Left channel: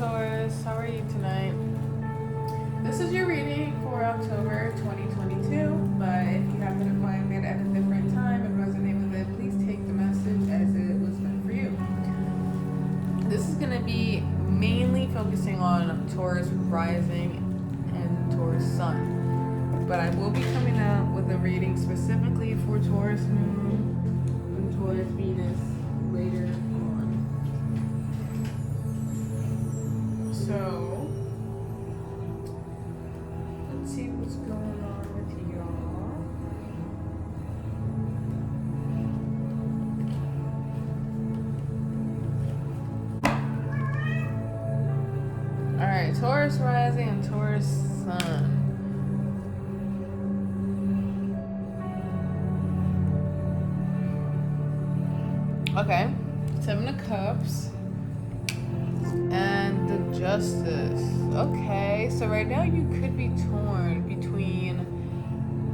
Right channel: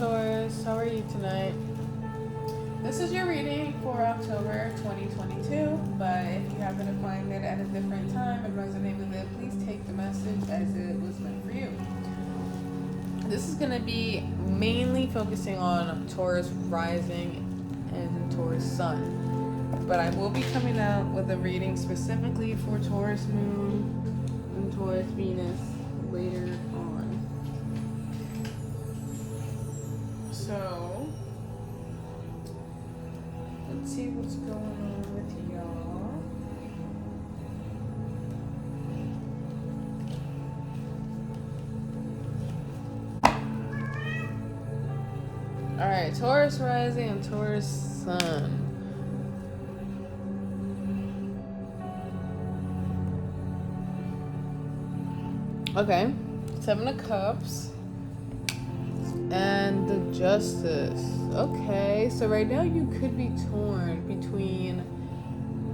Taurus, how are you tonight? This is your reading for October 2022, but if you happen to find it at a different time and resonate with it, please take the message as it was meant for you. This is going to be mainly focusing on Taurus Rising and Taurus Sun, but I will be coming out with a reading specifically for Taurus Moon and Taurus Venus later on. So, let's see what's going on with y'all. Alright, Taurus Rising and Taurus Sun. Okay, Seven of Cups and the Justice. Okay, so right now you could be torn between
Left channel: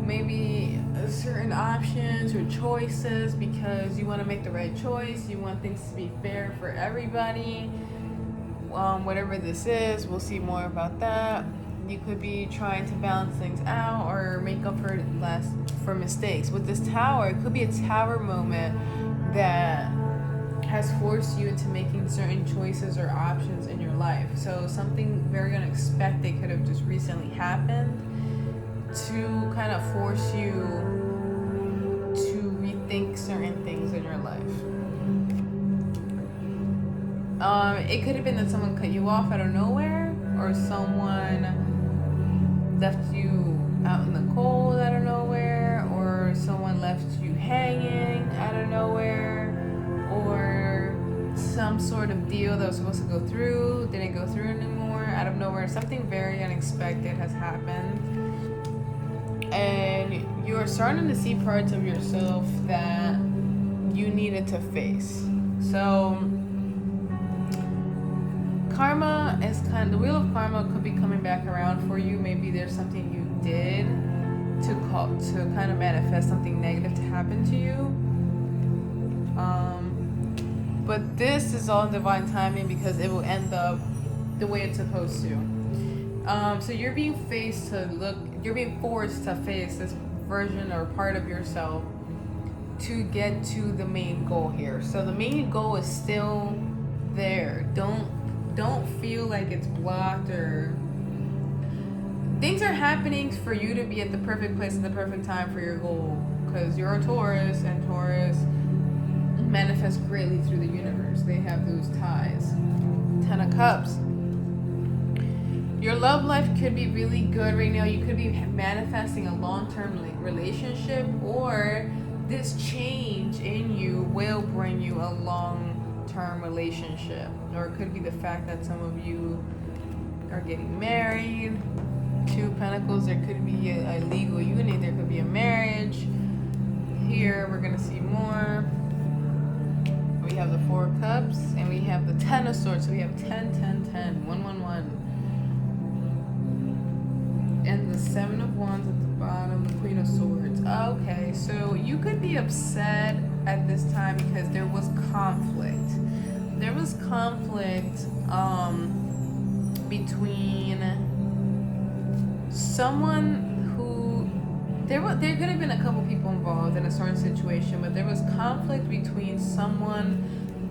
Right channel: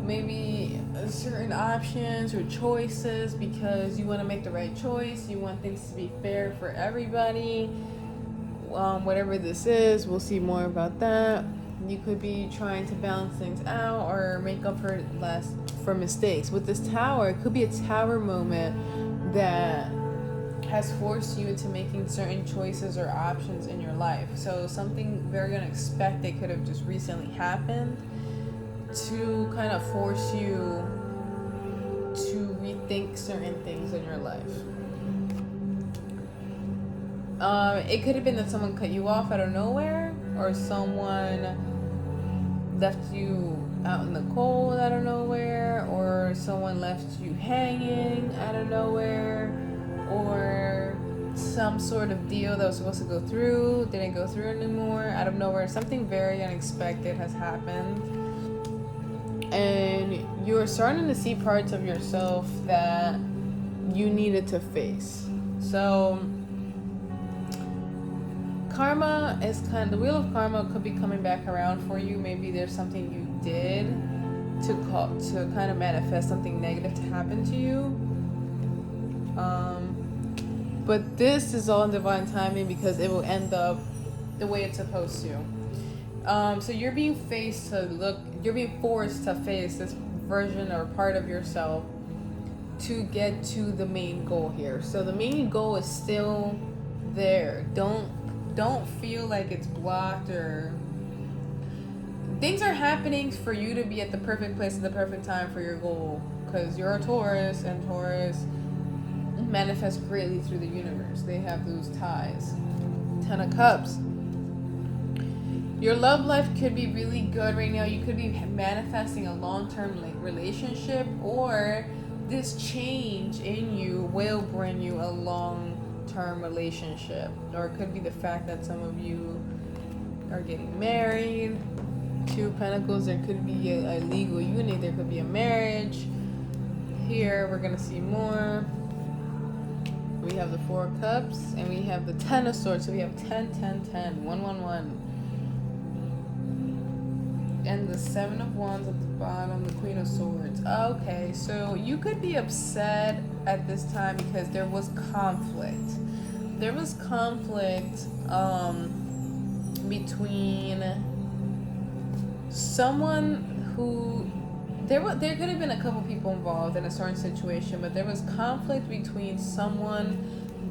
maybe certain options or choices because you want to make the right choice. You want things to be fair for everybody. Whatever this is, we'll see more about that. You could be trying to balance things out or make up for mistakes. With this Tower, it could be a Tower moment that has forced you into making certain choices or options in your life. So something very unexpected could have just recently happened to kind of force you to rethink certain things in your life. It could have been that someone cut you off out of nowhere, or someone left you out in the cold out of nowhere, or someone left you hanging out of nowhere, or some sort of deal that was supposed to go through didn't go through anymore out of nowhere. Something very unexpected has happened, and you're starting to see parts of yourself that you needed to face. So karma is the wheel of karma could be coming back around for you. Maybe there's something you did to kind of manifest something negative to happen to you. But this is all in divine timing because it will end up the way it's supposed to. So you're being forced to face this version or part of yourself to get to the main goal here. So the main goal is still there. Don't feel like it's blocked or things are happening for you to be at the perfect place at the perfect time for your goal, because you're a Taurus and Taurus manifest greatly through the universe. They have those ties. Ten of Cups. Your love life could be really good right now. You could be manifesting a long-term relationship, or this change in you will bring you a long-term relationship. Or it could be the fact that some of you are getting married. Two of Pentacles, there could be a legal union, there could be a marriage. Here we're going to see more. We have the Four of Cups, and we have the Ten of Swords. So we have 10, 10, 10, 1, 1, 1. And the Seven of Wands at the bottom, the Queen of Swords. Okay, so you could be upset at this time because there was conflict. There was conflict between someone who there could have been a couple people involved in a certain situation, but there was conflict between someone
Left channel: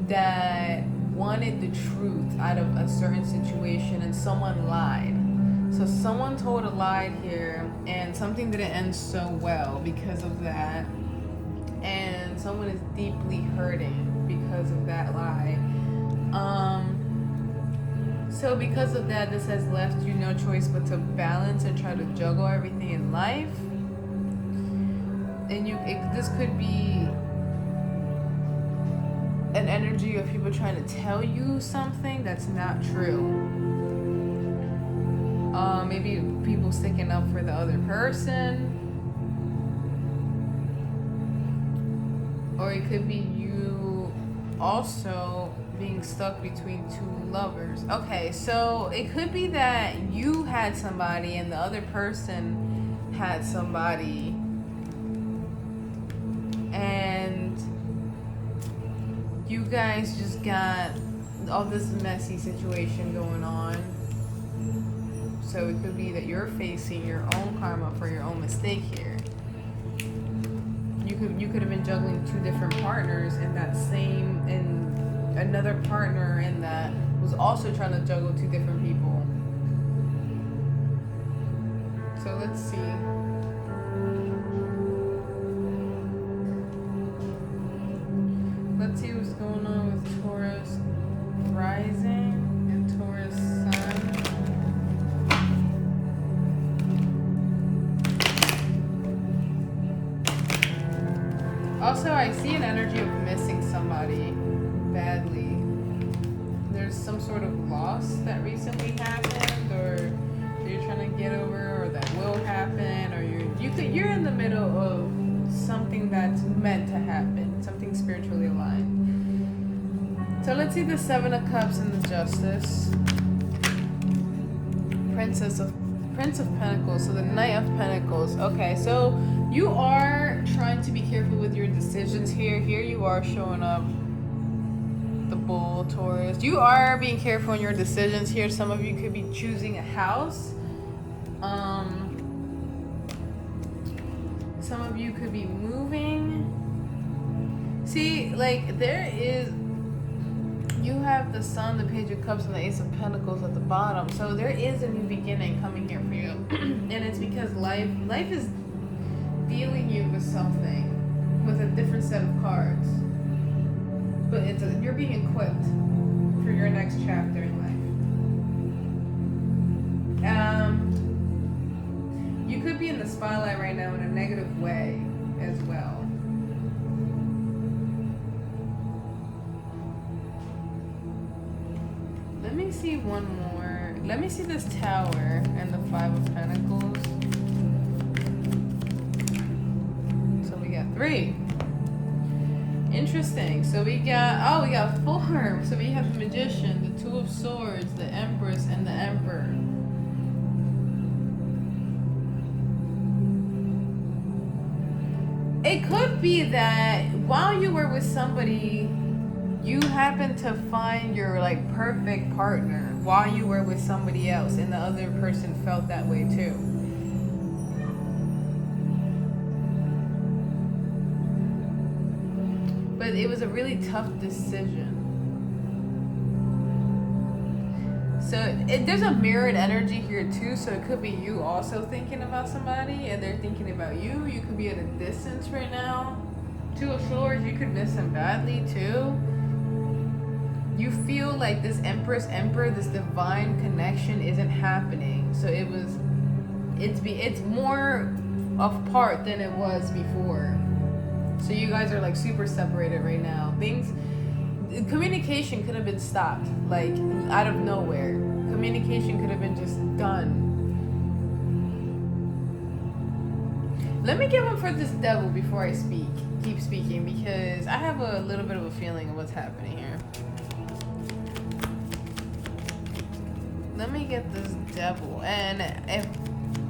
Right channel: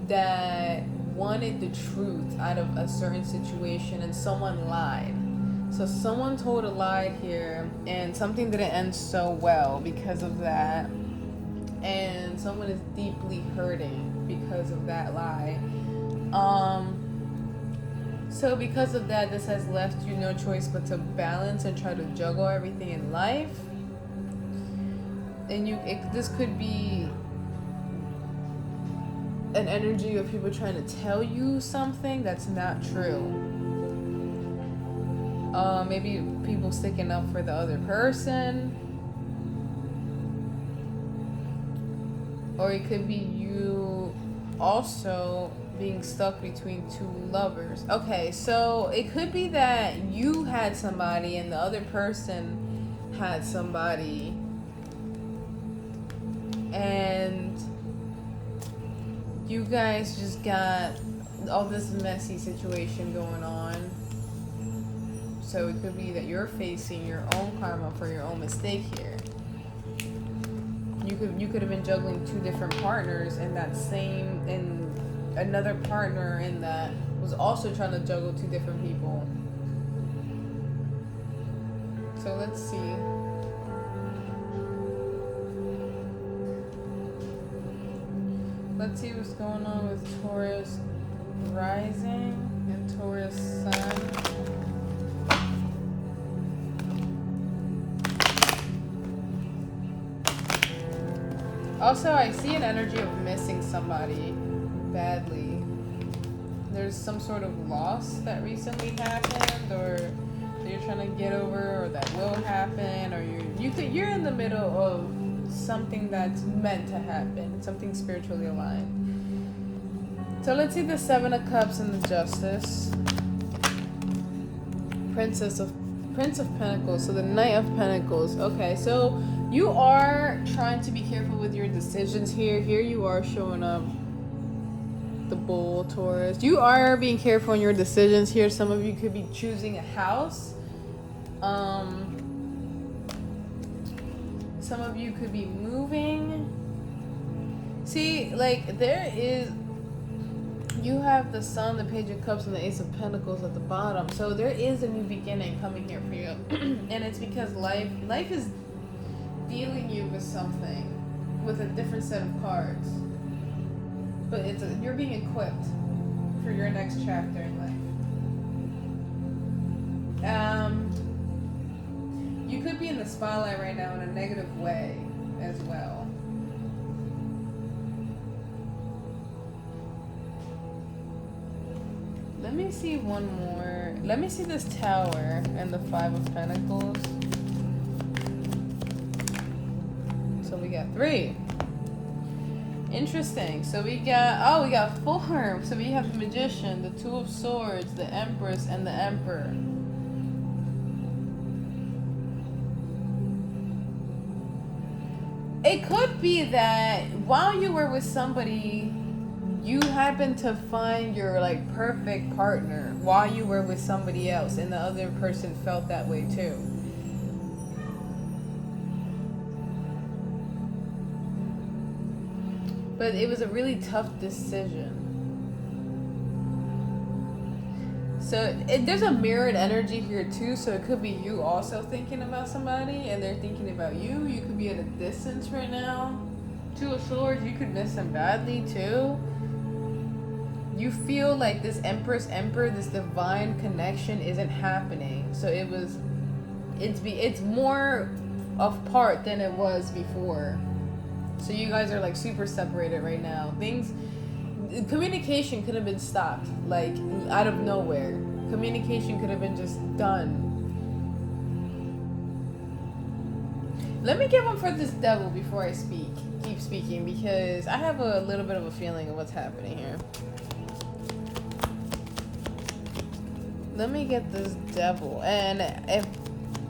that wanted the truth out of a certain situation and someone lied. So someone told a lie here and something didn't end so well because of that, and someone is deeply hurting because of that lie. So because of that, this has left you no choice but to balance and try to juggle everything in life. And this could be an energy of people trying to tell you something that's not true. Maybe people sticking up for the other person. Or it could be you also being stuck between two lovers. Okay, so it could be that you had somebody and the other person had somebody, and you guys just got all this messy situation going on. So it could be that you're facing your own karma for your own mistake here. You could have been juggling two different partners, and another partner in that was also trying to juggle two different people. So let's see. Let's see what's going on with Taurus Rising and Taurus Sun. Also, I see an energy of missing somebody badly. There's some sort of loss that recently happened, or that you're trying to get over, or that will happen, or you're in the middle of something that's meant to happen, something spiritually aligned. So let's see the Seven of Cups and the Justice. Prince of Pentacles, so the Knight of Pentacles. Okay, so you are trying to be careful with your decisions here. Here you are showing up the Bull, Taurus. You are being careful in your decisions here. Some of you could be choosing a house. Some of you could be moving. See, like you have the Sun, the Page of Cups, and the Ace of Pentacles at the bottom. So there is a new beginning coming here for you. And it's because life is dealing you with something, with a different set of cards. But you're being equipped for your next chapter in life. You could be in the spotlight right now in a negative way as well. Let me see one more. Let me see this Tower and the Five of Pentacles. So we got 3. Interesting. So we got 4. So we have the Magician, the Two of Swords, the Empress, and the Emperor. It could be that while you were with somebody, you happened to find your perfect partner while you were with somebody else, and the other person felt that way too. But it was a really tough decision. So there's a mirrored energy here too, so it could be you also thinking about somebody and they're thinking about you. You could be at a distance right now. Two of Swords, you could miss them badly too. You feel like this Empress, Emperor, this divine connection isn't happening. So it's more apart than it was before. So you guys are super separated right now. Communication could have been stopped, out of nowhere. Communication could have been just done. Let me give one for this Devil before I keep speaking, because I have a little bit of a feeling of what's happening here. Let me get this Devil, and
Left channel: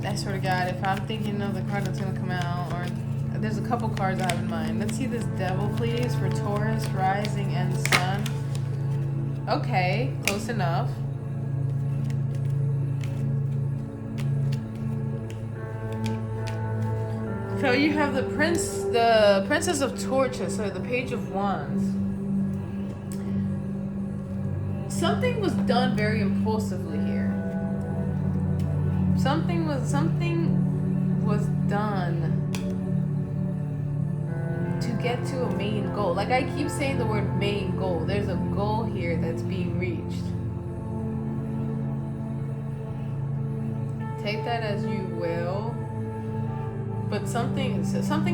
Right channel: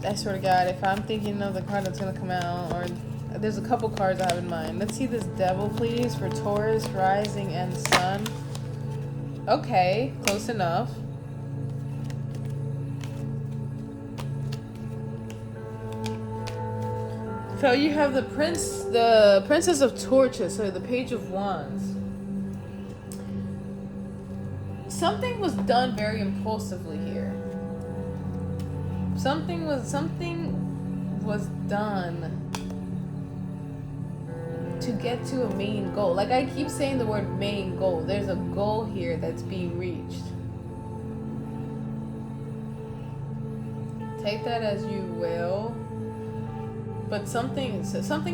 I swear to God, if I'm thinking of the card that's gonna come out, or there's a couple cards I have in mind. Let's see this Devil, please, for Taurus, Rising, and Sun. Okay, close enough. So you have the Princess of Torches, so the Page of Wands. Something was done very impulsively here. Something was done to get to a main goal. I keep saying the word main goal. There's a goal here that's being reached. Take that as you will. But something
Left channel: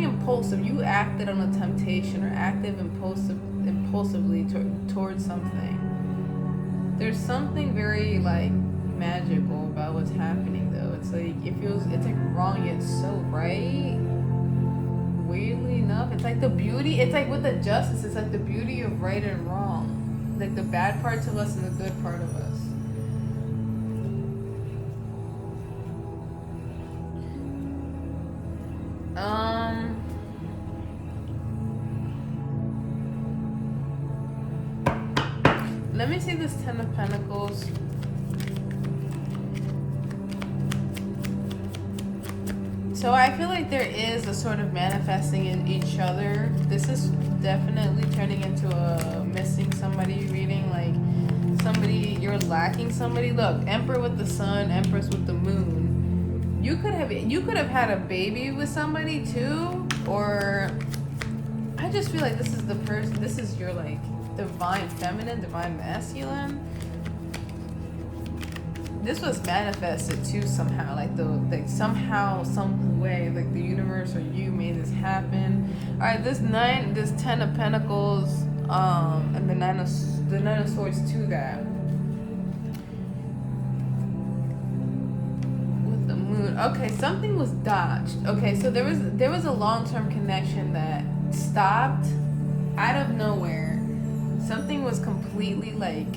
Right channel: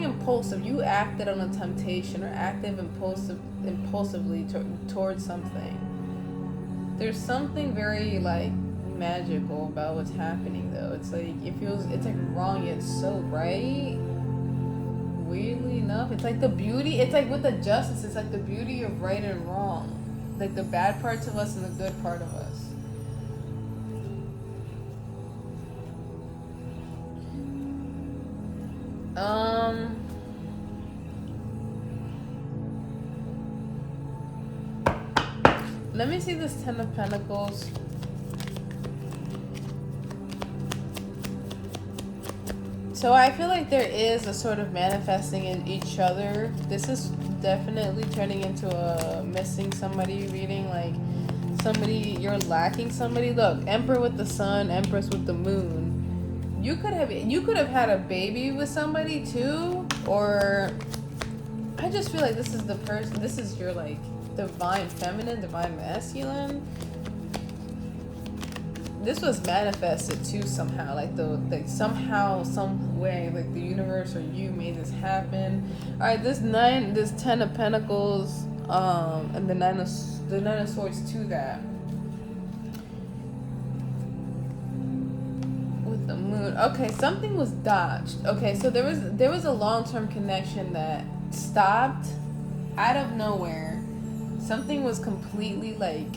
impulsive. You acted on a temptation or acted impulsively towards something. There's something very magical about what's happening though. It's wrong yet so right. Weirdly enough, it's the beauty. It's with the justice. It's the beauty of right and wrong. The bad parts of us and the good part of us. Let me see this Ten of Pentacles. So I feel like there is a sort of manifesting in each other. This is definitely turning into a missing somebody reading, like somebody, you're lacking somebody. Look, Emperor with the Sun, Empress with the Moon. You could have had a baby with somebody too, or I just feel like this is the person, this is your like divine feminine, divine masculine. This was manifested too somehow, like somehow, some way, like the universe or you made this happen. All right, this Ten of Pentacles, and the Nine of Swords to that. With the Moon, okay, something was dodged. Okay, so there was a long-term connection that stopped out of nowhere. Something was completely like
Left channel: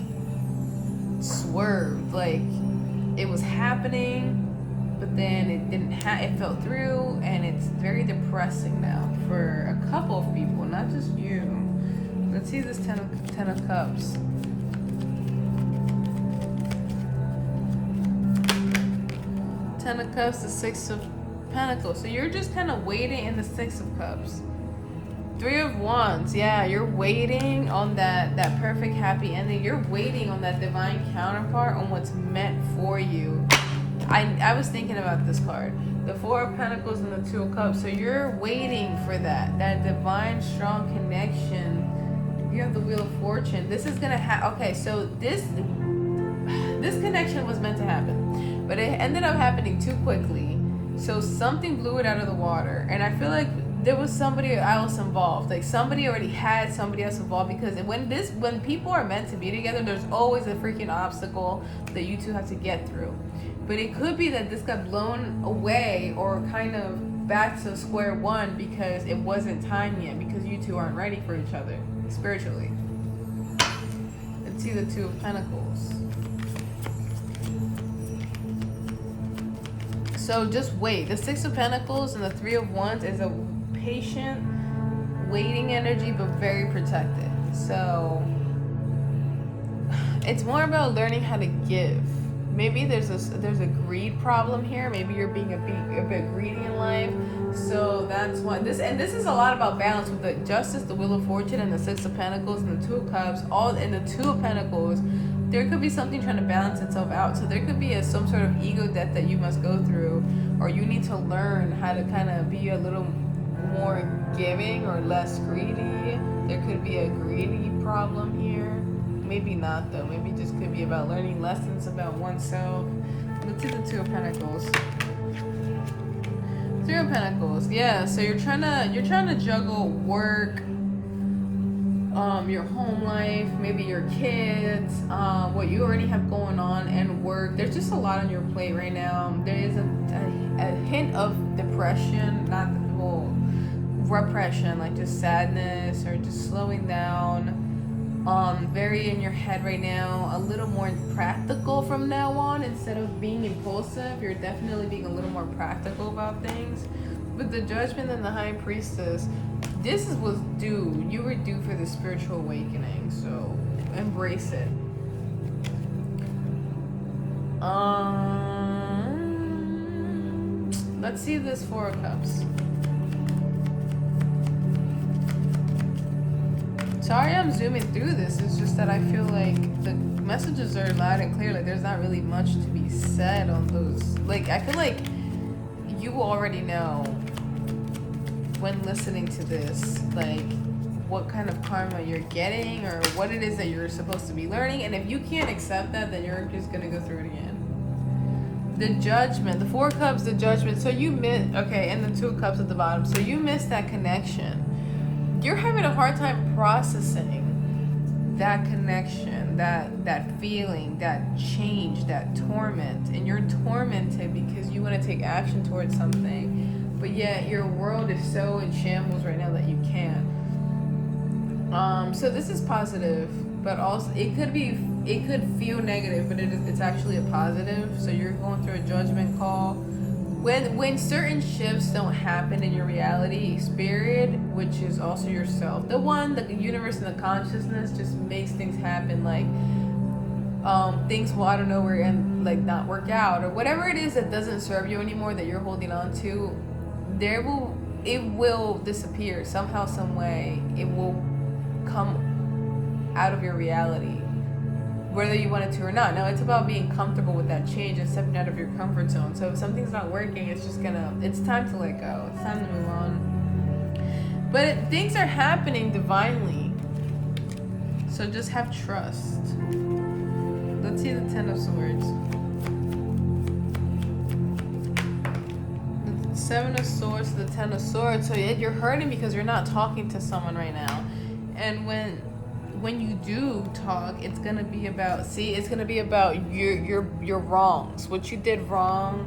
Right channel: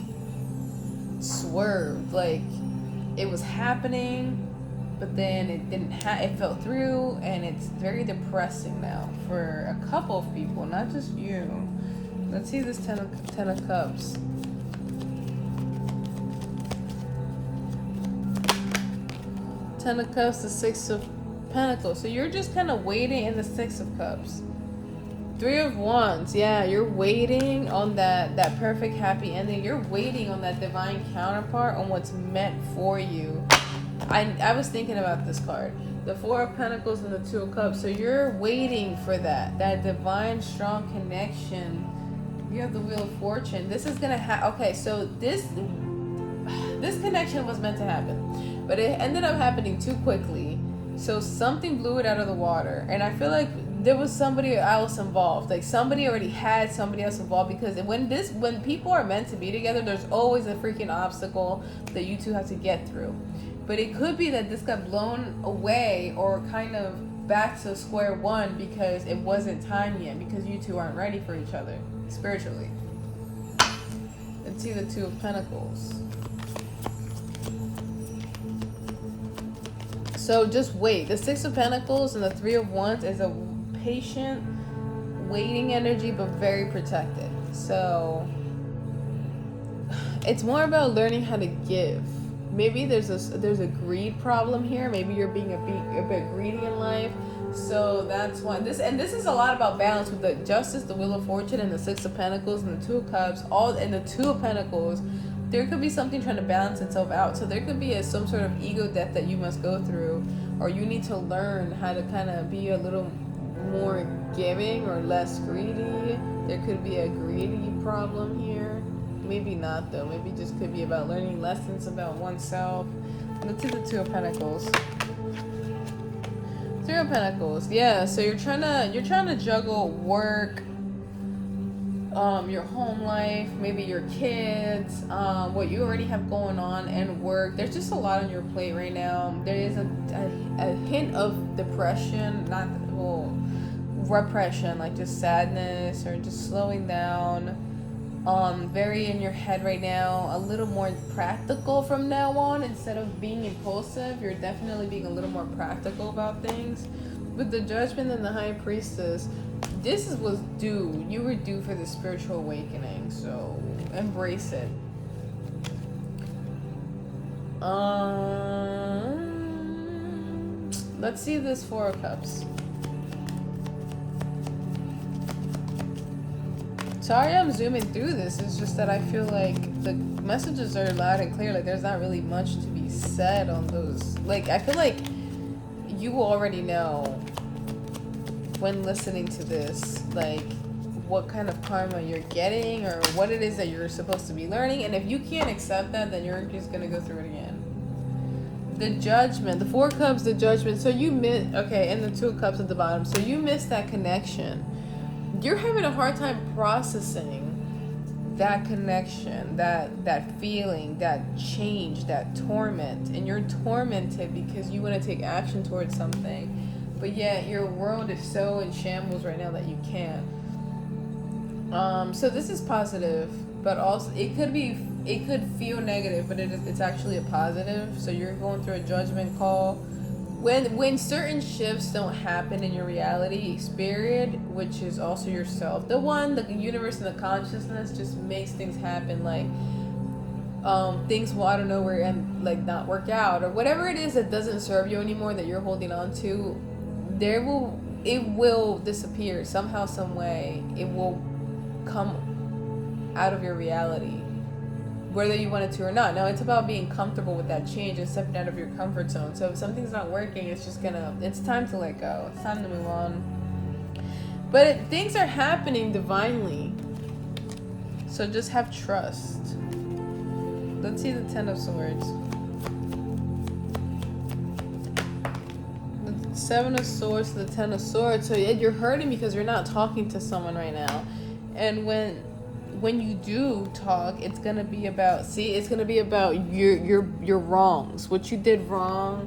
swerved, like. It was happening, but then it didn't. It fell through, and it's very depressing now for a couple of people, not just you. Let's see this Ten of Cups. Ten of Cups, the Six of Pentacles. So you're just kind of waiting in the Six of Cups. Three of Wands, yeah, you're waiting on that perfect happy ending. You're waiting on that divine counterpart, on what's meant for you. I was thinking about this card, the Four of Pentacles and the Two of Cups. So you're waiting for that divine strong connection. You have the Wheel of Fortune. This is gonna okay, so this connection was meant to happen, but it ended up happening too quickly. So something blew it out of the water, and I feel like there was somebody else involved. Like somebody already had somebody else involved, because when people are meant to be together, there's always a freaking obstacle that you two have to get through. But it could be that this got blown away or kind of back to square one because it wasn't time yet, because you two aren't ready for each other spiritually. Let's see the Two of Pentacles. So just wait. The Six of Pentacles and the Three of Wands is a patient, waiting energy, but very protected. So it's more about learning how to give. Maybe there's a greed problem here. Maybe you're being a bit greedy in life. So that's why this is a lot about balance with the Justice, the Wheel of Fortune, and the Six of Pentacles and the Two of Cups. All in the Two of Pentacles, there could be something trying to balance itself out. So there could be some sort of ego death that you must go through, or you need to learn how to kind of be a little more giving or less greedy. There could be a greedy problem here. Maybe not though. Maybe just could be about learning lessons about oneself. Let's see the Two of Pentacles. Three of Pentacles. Yeah, so you're trying to juggle work, your home life, maybe your kids, what you already have going on, and work. There's just a lot on your plate right now. There is a hint of depression, repression, like just sadness or just slowing down. Very in your head right now, a little more practical from now on. Instead of being impulsive, you're definitely being a little more practical about things. With the Judgment and the High Priestess, this was due. You were due for the spiritual awakening, so embrace it. Let's see this Four of Cups. Sorry I'm zooming through this. It's just that I feel like the messages are loud and clear. Like there's not really much to be said on those. Like I feel like you already know when listening to this, like what kind of karma you're getting or what it is that you're supposed to be learning. And if you can't accept that, then you're just gonna go through it again. The Judgment, the Four Cups, the Judgment. So you missed, okay, and the Two of Cups at the bottom. So you missed that connection. You're having a hard time processing that connection, that feeling, that change, that torment. And you're tormented because you want to take action towards something, but yet your world is so in shambles right now that you can't. So this is positive, but also it could feel negative, but it's actually a positive. So you're going through a judgment call. When certain shifts don't happen in your reality, spirit, which is also yourself, the universe and the consciousness just makes things happen. Like things will out of nowhere and like not work out, or whatever it is that doesn't serve you anymore that you're holding on to, it will disappear somehow, some way. It will come out of your reality, whether you want it to or not. No, it's about being comfortable with that change and stepping out of your comfort zone. So if something's not working, it's time to let go. It's time to move on. But things are happening divinely. So just have trust. Let's see the Ten of Swords. The Seven of Swords to the Ten of Swords. So you're hurting because you're not talking to someone right now. And when you do talk, it's gonna be about your wrongs, what you did wrong,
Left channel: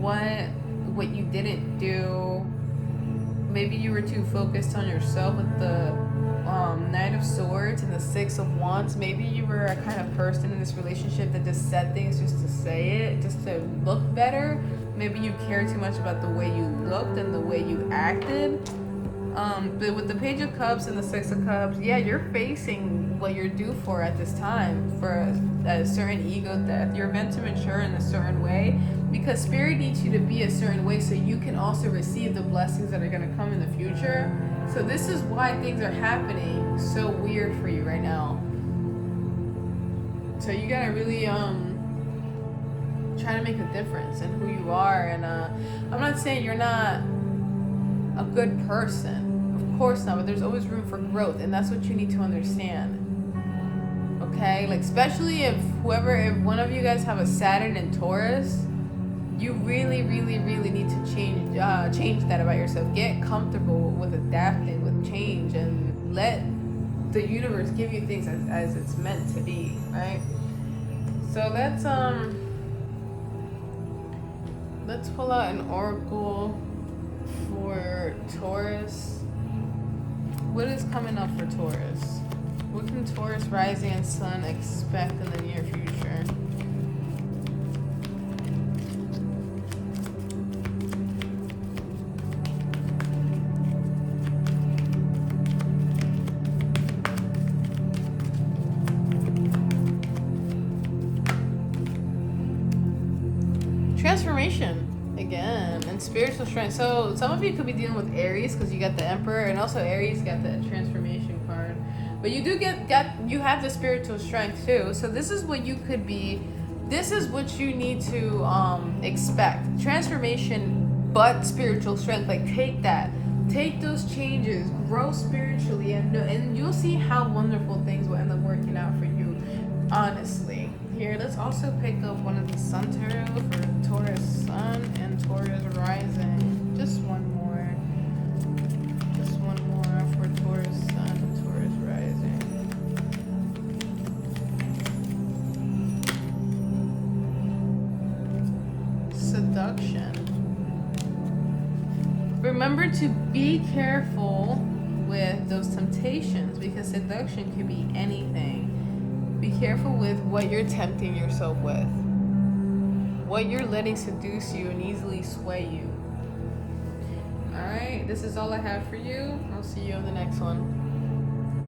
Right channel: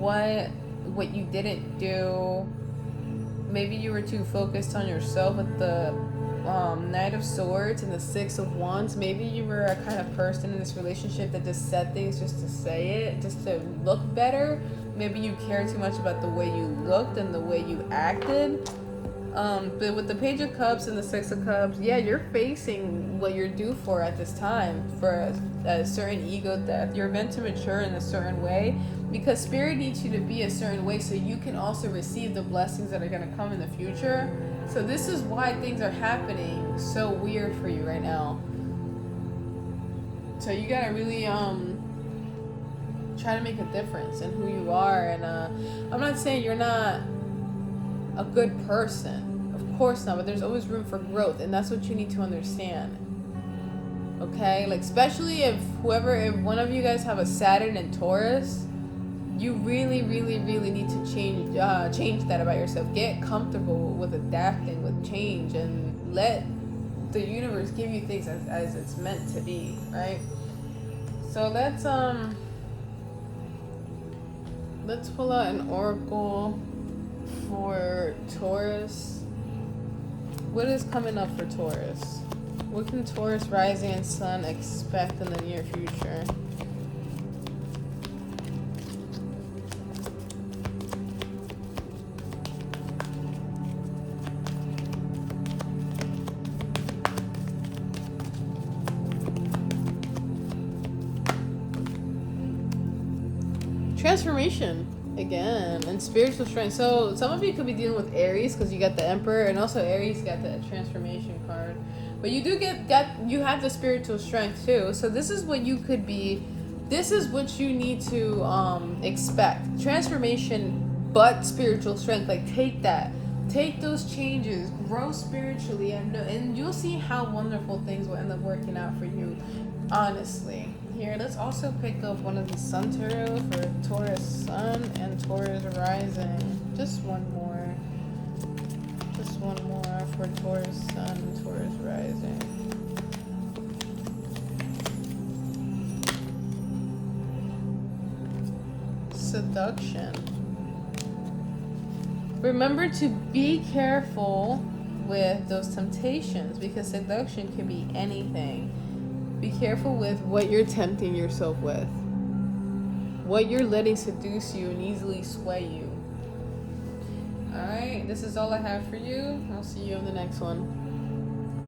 what you didn't do. Maybe you were too focused on yourself with the Knight of Swords and the Six of Wands. Maybe you were a kind of person in this relationship that just said things just to say it, just to look better. Maybe you cared too much about the way you looked and the way you acted. But with the Page of Cups and the Six of Cups, yeah, you're facing what you're due for at this time, for a certain ego death. You're meant to mature in a certain way because Spirit needs you to be a certain way so you can also receive the blessings that are going to come in the future. So this is why things are happening so weird for you right now. So you gotta really try to make a difference in who you are. And I'm not saying you're not a good person, of course not, but there's always room for growth, and that's what you need to understand. Okay, like especially if one of you guys have a Saturn in Taurus, you really need to change that about yourself. Get comfortable with adapting with change and let the universe give you things as it's meant to be, right? So let's pull out an oracle for Taurus. What is coming up for Taurus? What can Taurus rising and sun expect in the near future? Transformation again, and spiritual strength. So some of you could be dealing with Aries because you got the Emperor, and also Aries got the transformation card. But you do you have the spiritual strength too. So this is what you could be. This is what you need to expect. Transformation, but spiritual strength. Like take those changes, grow spiritually, and you'll see how wonderful things will end up working out for you. Honestly. Here, let's also pick up one of the Sun Tarot for Taurus Sun and Taurus Rising. Just one more for Taurus Sun and Taurus Rising. Seduction. Remember to be careful with those temptations because seduction can be anything. Be careful with what you're tempting yourself with, what you're letting seduce you and easily sway you. Alright, this is all I have for you. I'll see you in the next one.